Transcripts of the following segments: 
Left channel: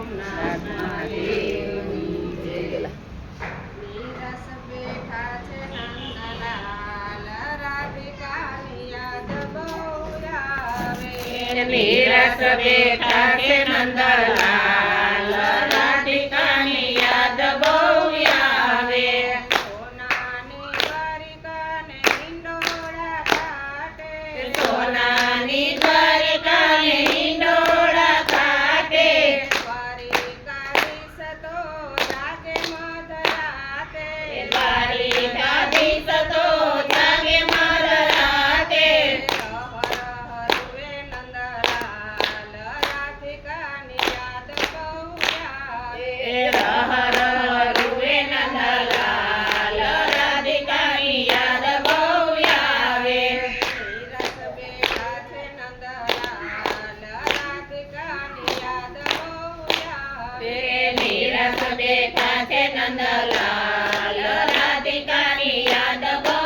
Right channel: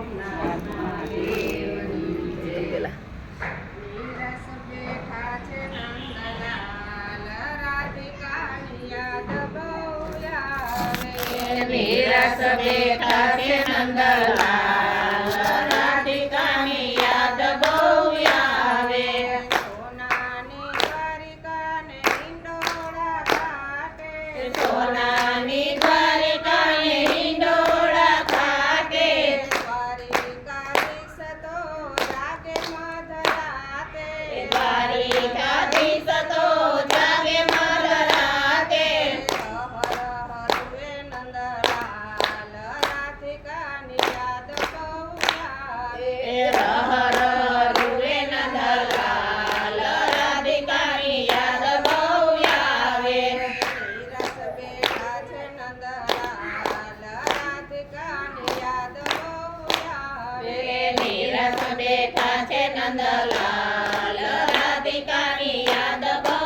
સોમનાથ મહાદેવની જય. નીરસ બેઠા છે નંદલાલ, રાધિકાની યાદ બહુ આવે. નીરસ બેઠા છે નંદલાલ, રાધિકાની યાદ બહુ આવે. સોનાની દ્વારિકાને હિંડોળા ઘાટે, સોનાની દ્વારિકાને હિંડોળા ઘાટે, દ્વારિકાધીશ તો જાગે મધરાતે. દ્વારિકાધીશ તો જાગે મધરાતે. હર હરુએ નંદલાલ, રાધિકાની યાદ બહુ આવે. હર હરુએ નંદલાલ, રાધિકાની યાદ બહુ આવે. નીરસ બેઠા છે નંદલાલ, રાધિકાની યાદ બહુ આવે. નીરસ બેઠા છે નંદલાલ, રાધિકાની યાદ બહુ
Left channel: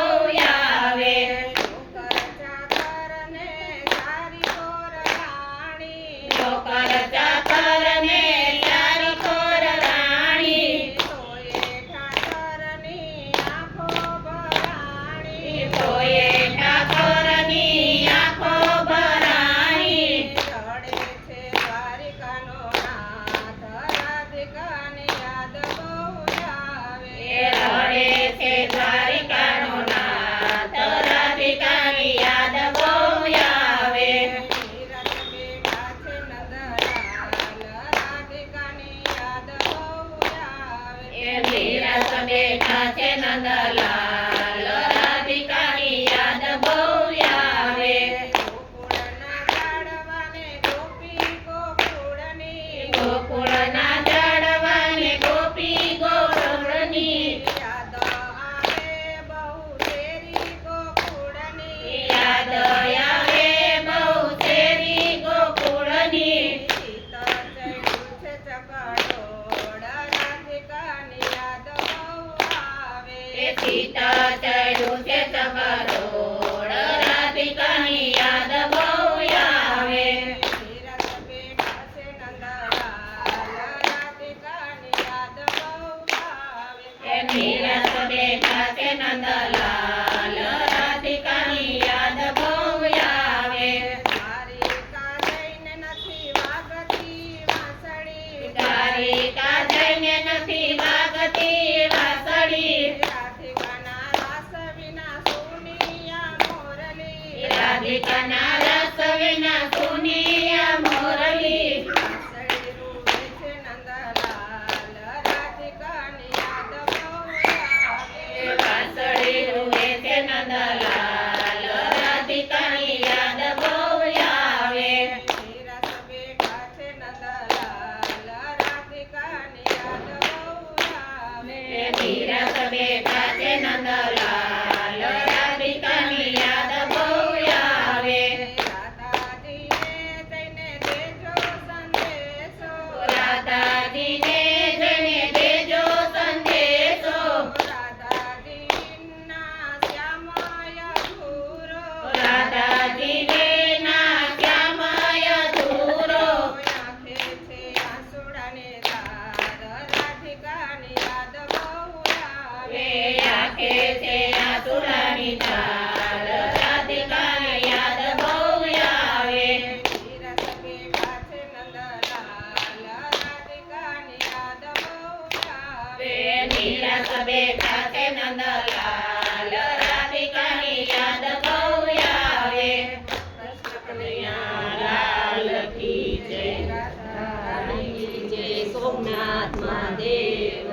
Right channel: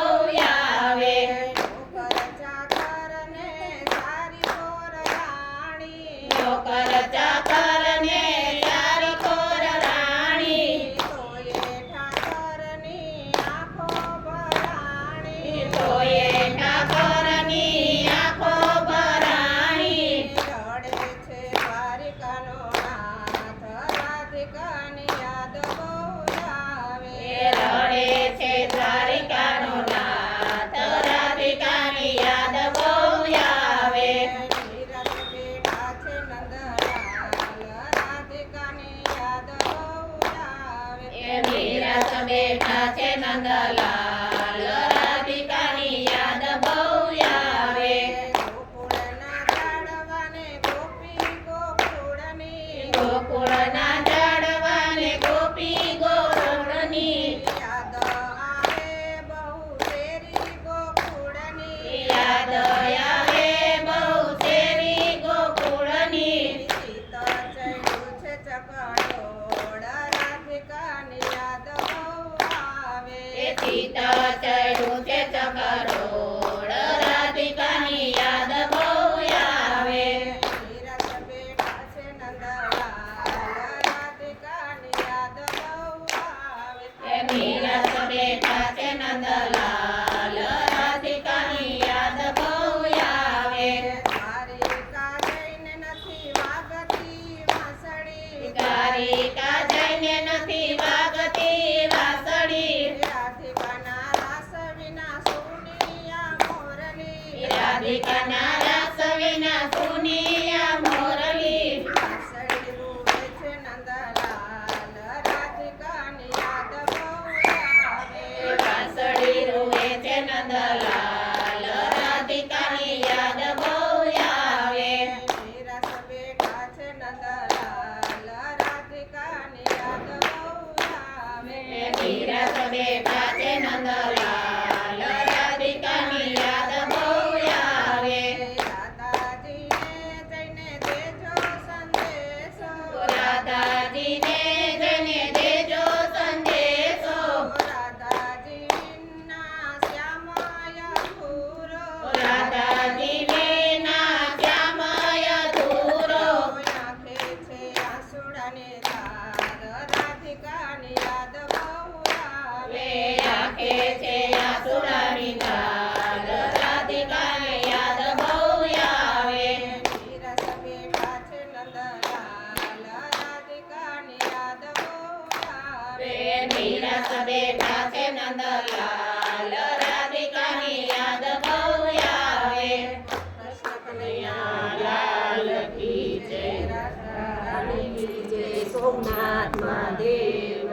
આવે. નોકર ચાકરને સારી કોર રાણી, નોકર ચાકરને ચાર કોર રાણી, તોયે ઠાકરની આંખો ભરાણી. તોયે ઠાકોરની આંખો ભરાણી. રડે છે દ્વારિકાનો નાથ, રાધિકાની યાદ બહુ આવે. રડે છે દ્વારિકાનો નાથ, રાધિકાની યાદ બહુ આવે. નીરસ બેઠા છે નંદલાલ, રાધિકાની યાદ બહુ આવે. નીરસ બેઠા છે નંદલાલ, રાધિકાની યાદ બહુ આવે. ગોકુળના ઝાડવાને ગોપી ગોકુળની, ગોકુળના ઝાડવાને ગોપી ગોકુળની, યાદ આવે બહુ શેરી ગોકુળની. યાદ આવે બહુ શેરી ગોકુળની. ચિત્ત ચડ્યું છે ચકડોળ, રાધિકાની યાદ બહુ આવે. ચિત્ત ચડ્યું છે ચકડોળ, રાધિકાની યાદ બહુ આવે. નીરસ બેઠા છે નંદલાલ, રાધિકાની યાદ બહુ આવે. નીરસ બેઠા છે નંદલાલ, રાધિકાની યાદ બહુ આવે. દ્વારિકા જઈને નથી વાગતી વાંસળી, દ્વારિકા જઈને નથી વાગતી વાંસળી, રાધિકાના રાસ વિના સુનિયા મોરલી. રાધિકાના રાસ વિના સુનિયા મોરલી. વાંસળી રૂવે છે નંદલાલ, રાધિકાની યાદ બહુ આવે. વાંસળી રૂવે છે નંદલાલ, રાધિકાની યાદ બહુ આવે. નીરસ બેઠા છે નંદલાલ, રાધિકાની યાદ બહુ આવે. નીરસ બેઠા છે નંદલાલ, રાધિકાની યાદ બહુ આવે. દાદાજીને જઈને દેજો સંદેશો, રાધાજીને જઈને દેજો સંદેશો, રાધાજીના શ્યામય ધૂરો, રાધાજીને ના શ્યામય ધૂરો. આંખે છે આંસુડાને ધાર, રાધિકાની યાદ બહુ આવે. આંખે છે આંસુડાની ધાર, રાધિકાની યાદ બહુ આવે. નીરસ બેઠા છે નંદલાલ, રાધિકાની યાદ બહુ આવે. નીરસ બેઠા છે નંદલાલ, રાધિકાની યાદ બહુ આવે. કૃષ્ણ કનૈયા લાલ કી જય, રાધારાણી કી જય, સોમનાથ મહાદેવ